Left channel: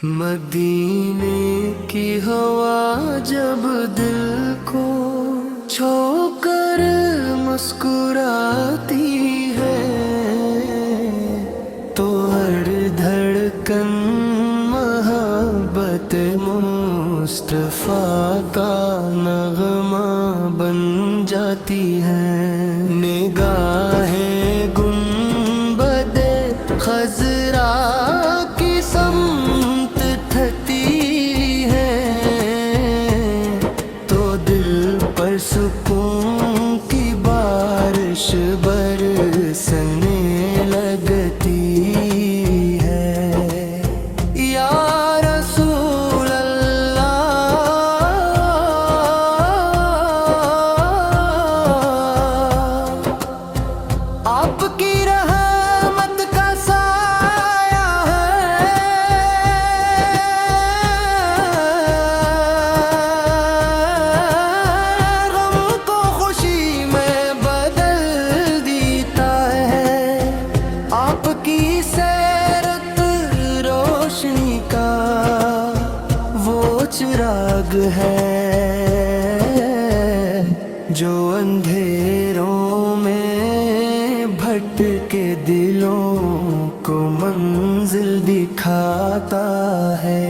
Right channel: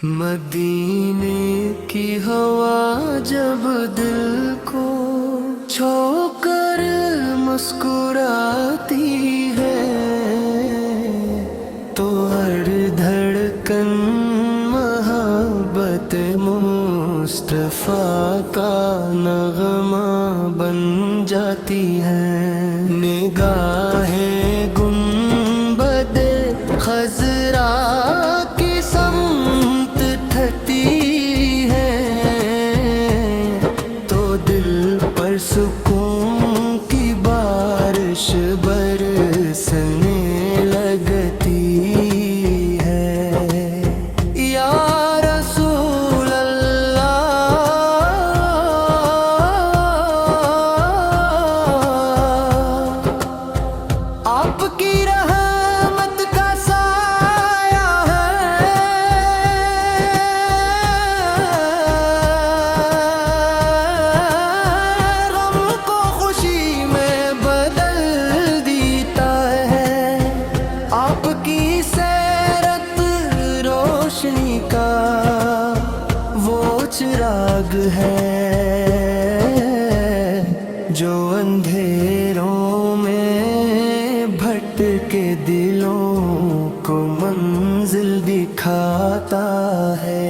मदीने की हवा जब दिल को छोकर मुस्कुराती है तो हर धड़कन मोहब्बत मुस्तफा का नगमा बन जाती है। निगाहें गुंबदे खजरा की समत ठती है तो दिल पर सुकून की बारिश बरसने लगती है। या रसूल अल्लाह आपकी रहमत का साया है, गम को खुशी में बदल देता है। आपकी सैरत रोशनी का वो चिराग है जो अंधेरों में भटके दिलों को मंजिल दिखाता है।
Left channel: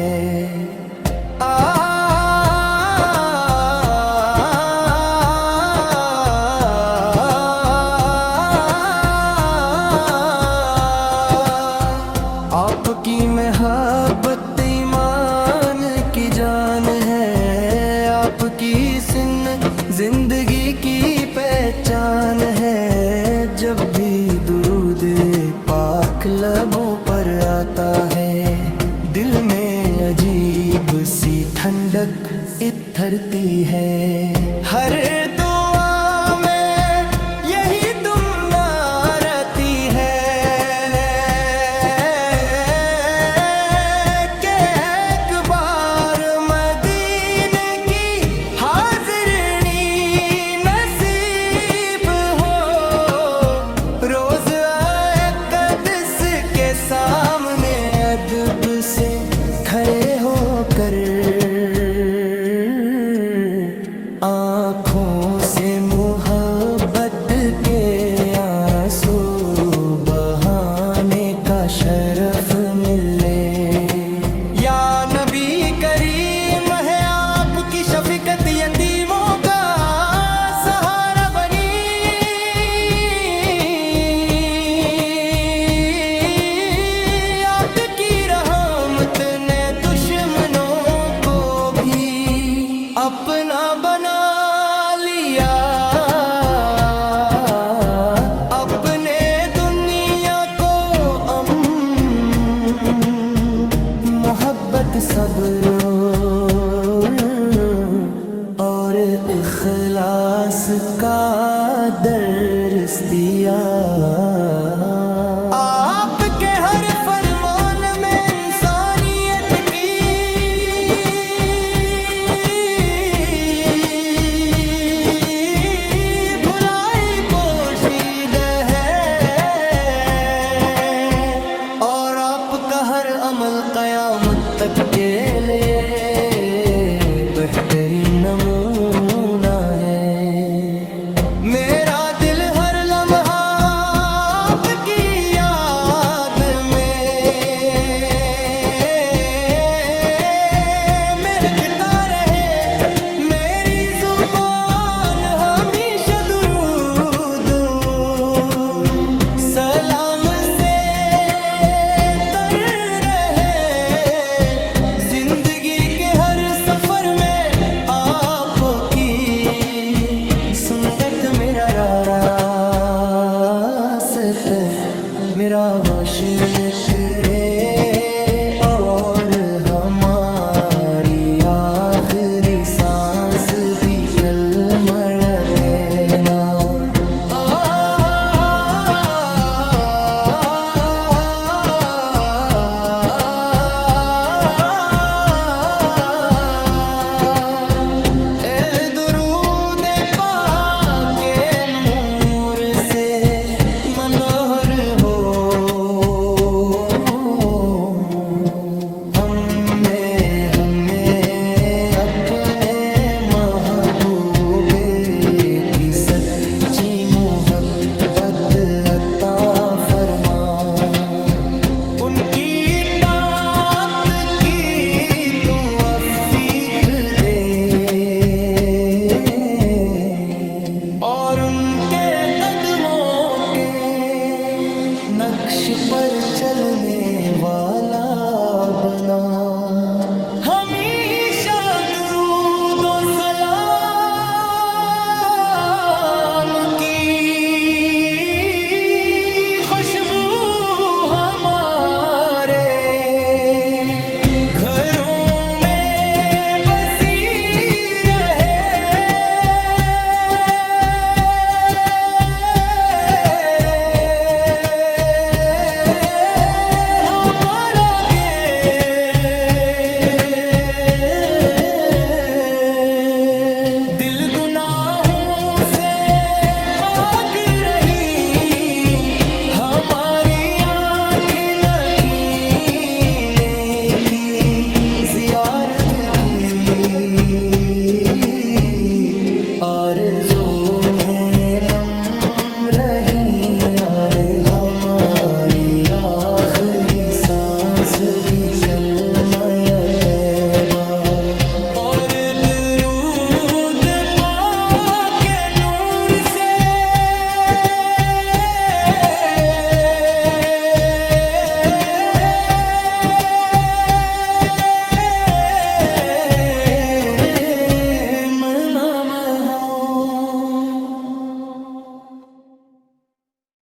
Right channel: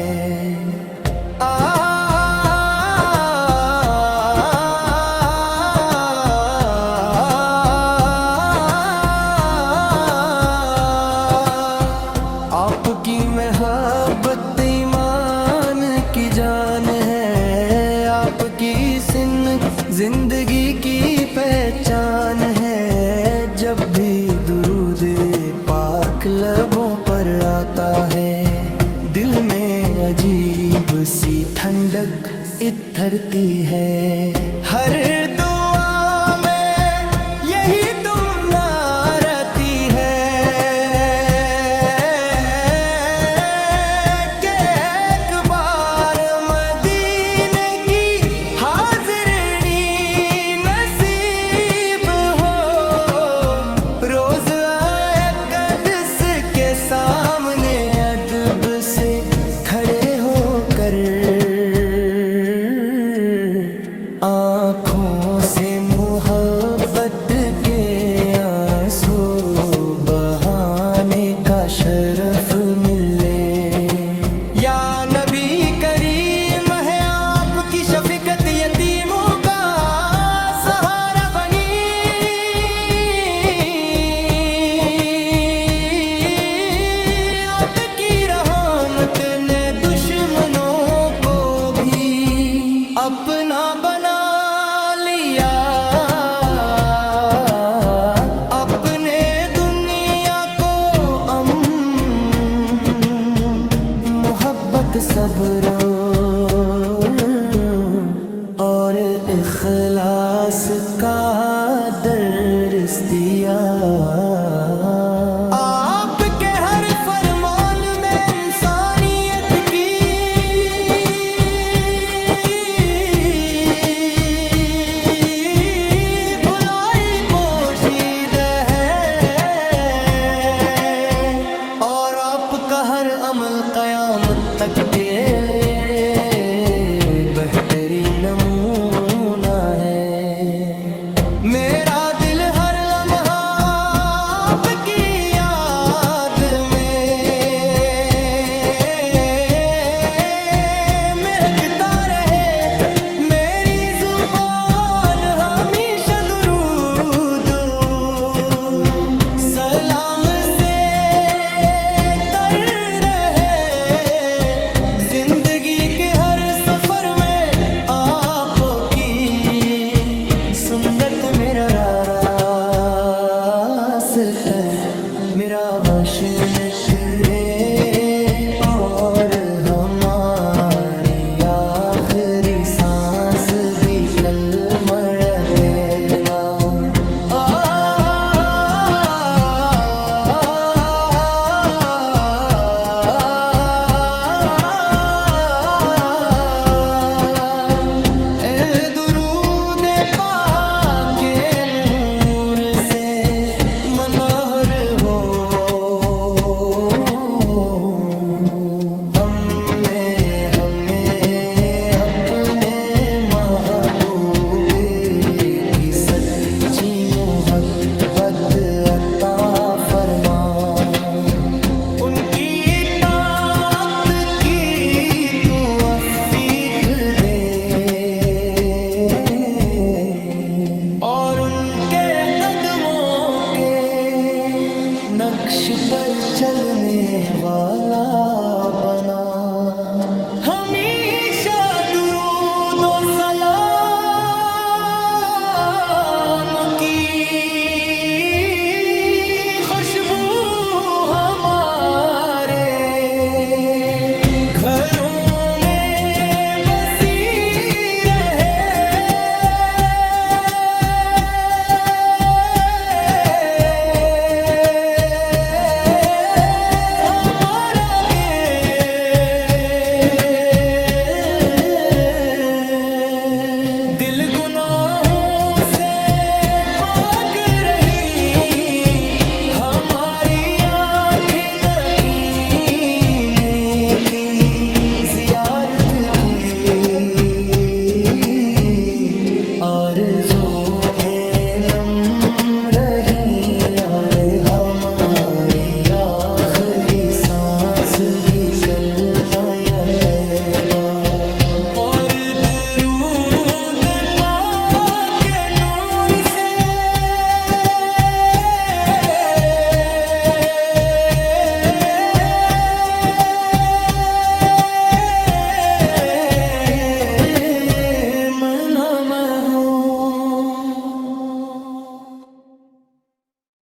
आपकी मोहब्बत ईमान की जान है, आपकी सिन जिंदगी की पहचान है। जब भी दुरूद पाक लबों पर आता है दिल में अजीब सी ठंडक इतरती है। हर दुआ में यही तुमना रहती है कि एक बार मदीने की हाज़िरी नसीब हो। रोज आए क़ुद्स के सामने अदब से खड़े होकर आँखों से मोहब्बत के आंसू बहाने का शरफ मिले। या नबी करीम है आपकी शफीकत यतीमों का सहारा बनी। आपकी रहमत ने दुश्मनों को भी अपना बना लिया। अपने दुनिया को मोहब्बत सब्र और इखलास का दर्स दिया। आपके हर फरमान में इंसानियत की भुलाई पोशीदा है और आपका हर अमल क़यामत तक के लिए बेहतरीन नमूना है। मेरा दिल हर लम्हा आपकी याद में महकता रहे। मेरी जुबान हमेशा दुरूद सलाम से तर रहे। जिंदगी के हर सफर में आपकी सुन्नत मेरा रास्ता, मेरा वशन करे और हमारी आखिरी सांस भी कलमा देना। मनोहर हो हम میں ہمیں اپنے محبوب کی سچی محبت عطا فرما، ان کی اطاعت کی تو توفیق دے، اور ان کے قدموں کے نقش پر چلنے والا بنا، ہمیشہ درود و سلام کی خوشبو ہمارے گھروں میں بسی رہے، ہمارا دل گناہوں سے پاک رہی، ہماری آنکھیں نکینے کی زیارت کی، آرزو میں نم رہی، اور ہماری آخری سانس بھی کلمہ طیبہ، اور